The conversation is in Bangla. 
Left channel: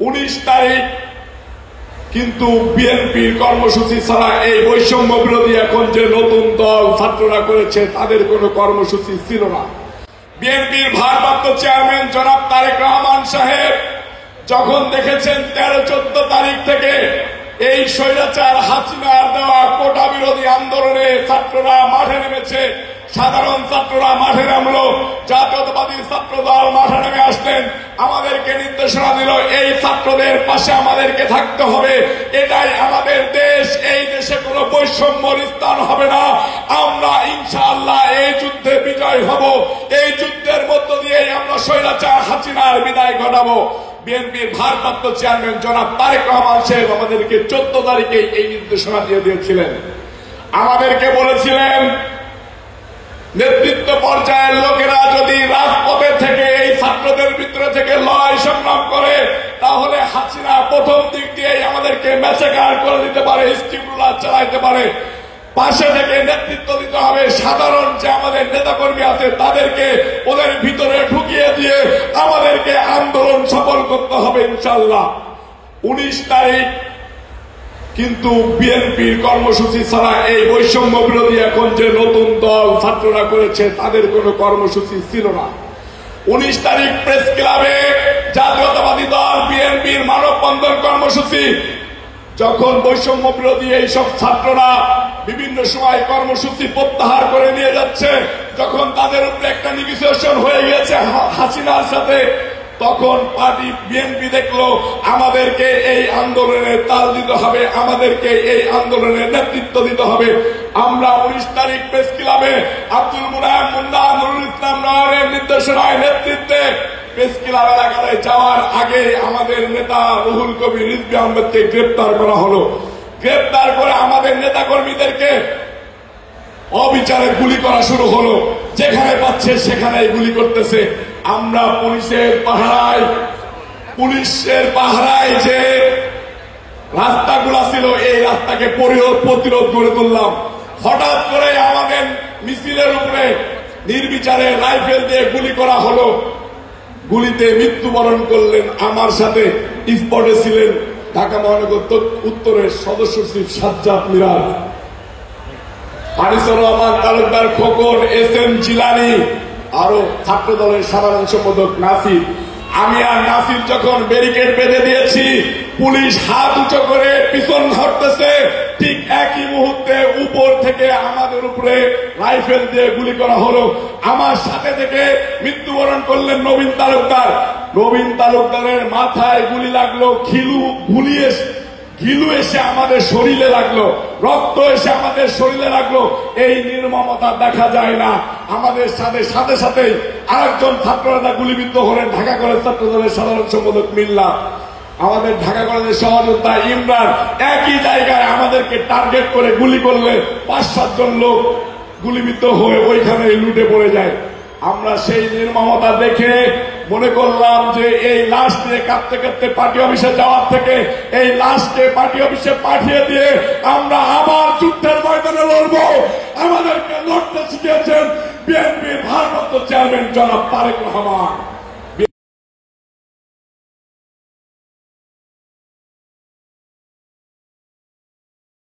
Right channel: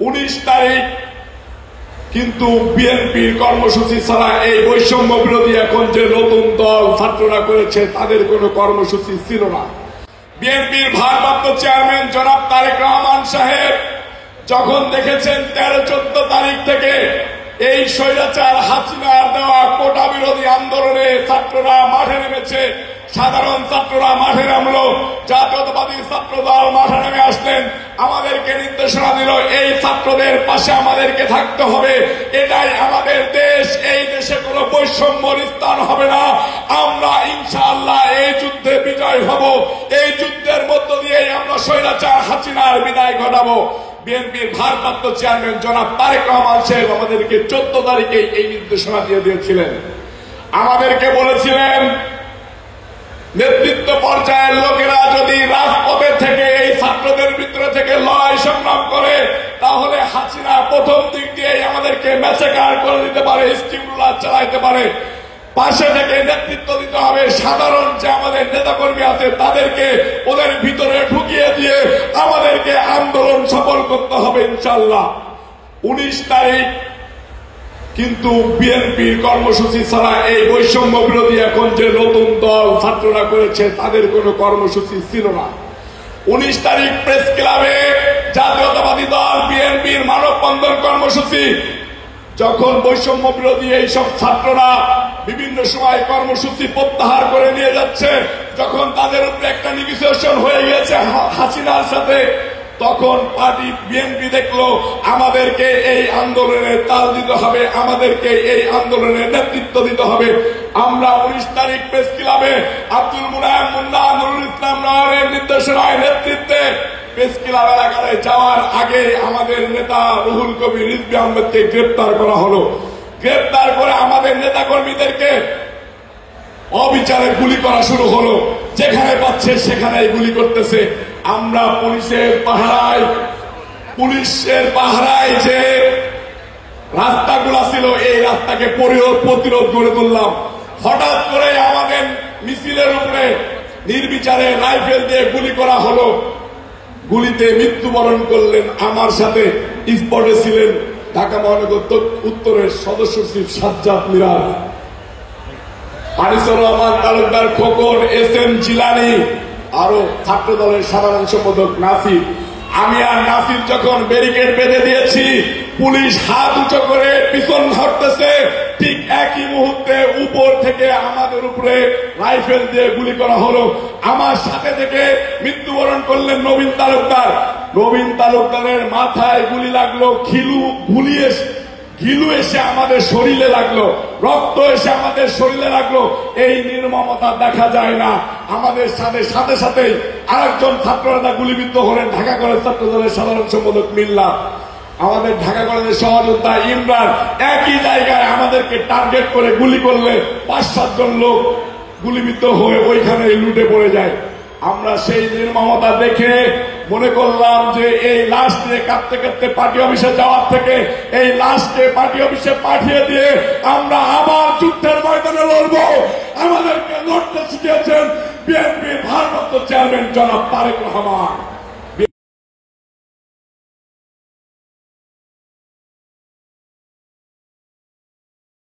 19 তারিখ কিন্তু বিএনপির কর্মসূচি ছাড়া এই বৈষম্য বিরোধী এখন যে নতুন দল ছাত্ররা করেছে তাদের কোনো কর্মসূচি ছিল না। বিএনপির ভারপ্রাপ্ত চেয়ারম্যান জনাব তারেক রহমান সাহেব যখন দেখেছেন 13-14 তারিখ থেকে এই স্বৈরাচার হাসিনার দেওয়া কোটা বিরোধী আন্দোলনে ছাত্ররা মাঠে নেমেছে, সাধারণ ছাত্ররা মাঠে নামলো, জাতীয়তাবাদী ছাত্রদল মাঠে নেমে আসলেন, আমাদেরকে নির্দেশনা দিল এই ছাত্রদের পাশে আমাদেরকে থাকতে হবে, এটাই আমাদের দেশ, এই দেশে কোনো বৈষম্য স্থান হবে না, আমরা ইনশাআল্লাহ এই যুদ্ধে বিজয় হব, এই যুদ্ধের মধ্য দিয়ে আমরা স্বৈরাচার হাসিনার বিদায় ঘটাবো। বিএনপির ভারপ্রাপ্ত চেয়ারম্যান জনাব তারেক রহমান সাহেব আমাদেরকে 14 তারিখে এই নির্দেশনা দিয়ে দিয়েছিলেন। আমাদেরকে বলেছিলেন নেতৃত্ব পর্যায়ের লোকেরা যদি রাজপথে থেকে এই ছাত্রদের ভিতরে থেকে লড়াই সংগ্রাম করে তাহলে হাসিনা প্রথম দিক দিয়ে আমাদেরকে ম্যাসেকার করে দিতে পারে, স্টিমুলার চালাইতে পারে, পাশে থেকে নেতৃত্ব দিতে হবে, সাধারণ যে আমাদের নেতাকর্মী আছে তাদেরকে ওদের ভিতরে ঢুকিয়ে দিয়ে আমাদেরকে আন্দোলন সফল করতে হবে ইনশাআল্লাহ। 19 তারিখ কিন্তু বিএনপির কর্মসূচি ছাড়া এই বৈষম্য বিরোধী এখন যে নতুন দল ছাত্ররা করেছে তাদের কোনো কর্মসূচি ছিল না। 19 তারিখ প্রেস ক্লাবে জাতীয়তাবাদী দল বিএনপির মানববন্ধন কর্মসূচি যখন বৈষম্য বিরোধী এইসব ছাত্ররা বিভিন্ন সময় কর্মসূচি প্রত্যাহার করে নিয়ে যাচ্ছে, যখন তাদের উপরে একটা নেগোসিয়েশন হয়ে গেছে হাসিনার সাথে, তখন পার্টি বিএনপি দেখলো আমাদেরকে এই আন্দোলনে তাল দিতে হবে, আমাদেরকে এই আন্দোলনের নেতৃত্ব দিতে হবে। আমরা 19 তারিখ প্রেস ক্লাবে আব্দুল মুনায়েম মুন্না নুরুল ইসলাম নওয়ারের নির্দেশনায় নেতৃত্বে প্রেস ক্লাব এলাকায় যাওয়ার আগে আমাদের নেতা রুহুল কবির রিজভী আহমেদকে গ্রেপ্তার করা হলো। গ্রেপ্তার করে আমাদের নেতা কর্মীদেরকে অবিচারে গুলি করা শুরু হলো, যেখানে পাচ্ছে সেখানে গুলি করতেছে। আমরা পুলিশের পাহারায় যে রাস্তাগুলো ছিল এই রাস্তাকে প্রতিরোধ গড়ে তুললাম। হঠাৎ করে আমাদের মিছিলের উপরে নির্বিচারে রাইফেল দিয়ে গুলি করা হলো, গুলিতে মৃত্যুবরণ করলেন। আমার সাথে স্পটে ছিলেন ঢাকা মহানগর উত্তরের সদস্য সচিব সাজ্জাদ মিরাজ, আনিসুর রহমান তালুকদার খোকন, এস.এম. জিলানী, আরো ছাত্র দলের সাধারণ সম্পাদক নাসির। আমি আর নাসির যখন ব্যারিকেড বেঁধে দিয়েছি, পুলিশ হাত উঁচু করে পিছন ধরতেছে, ঠিক একই মুহূর্তে উপর থেকে আমাদের উপরে রাইফেল দিয়ে গুলি করা হলো। আমার সাথে থেকে মৃত্যুবরণ করলেন নবীন তালুকদার। নবীন তালুকদারের মাথায় গুলি লাগলো, ঘিলু এসে আমাদের শরীরে লাগলো, রক্ত এসে আমাদের শরীরে লাগলো। এই নির্মমতা দেখা যায় না। আমাদের সাথে সাথে আরেকজন ছাত্ররা গুলিবিদ্ধ হলেন, ঢাকা কলেজ ছাত্রদলের সাধারণ সম্পাদক মিল্লা, আমাদের ঢাকা কলেজের সহযোদ্ধা ইমরান। একই জায়গায় আমাদেরকে টার্গেট করে গুলি করলে 5-7 জন লোক গুলিবিদ্ধ হয়ে ওইখানে লুটে পড়ে যায়। আমরা সেই নির্মমতা দেখে মনে করলাম যে এই লাশ নিয়ে কাঁদতে কাঁদতে পার্টি অফিসে যাওয়ার থেকে এই লাশকে পার্টি অফিসে পাঠিয়ে দিয়ে আমরা আবার যুদ্ধের ময়দানে লড়ব। আমাদেরকে লড়তে শিখিয়েছেন বিএনপির ভারপ্রাপ্ত চেয়ারম্যান জনাব তারেক রহমান।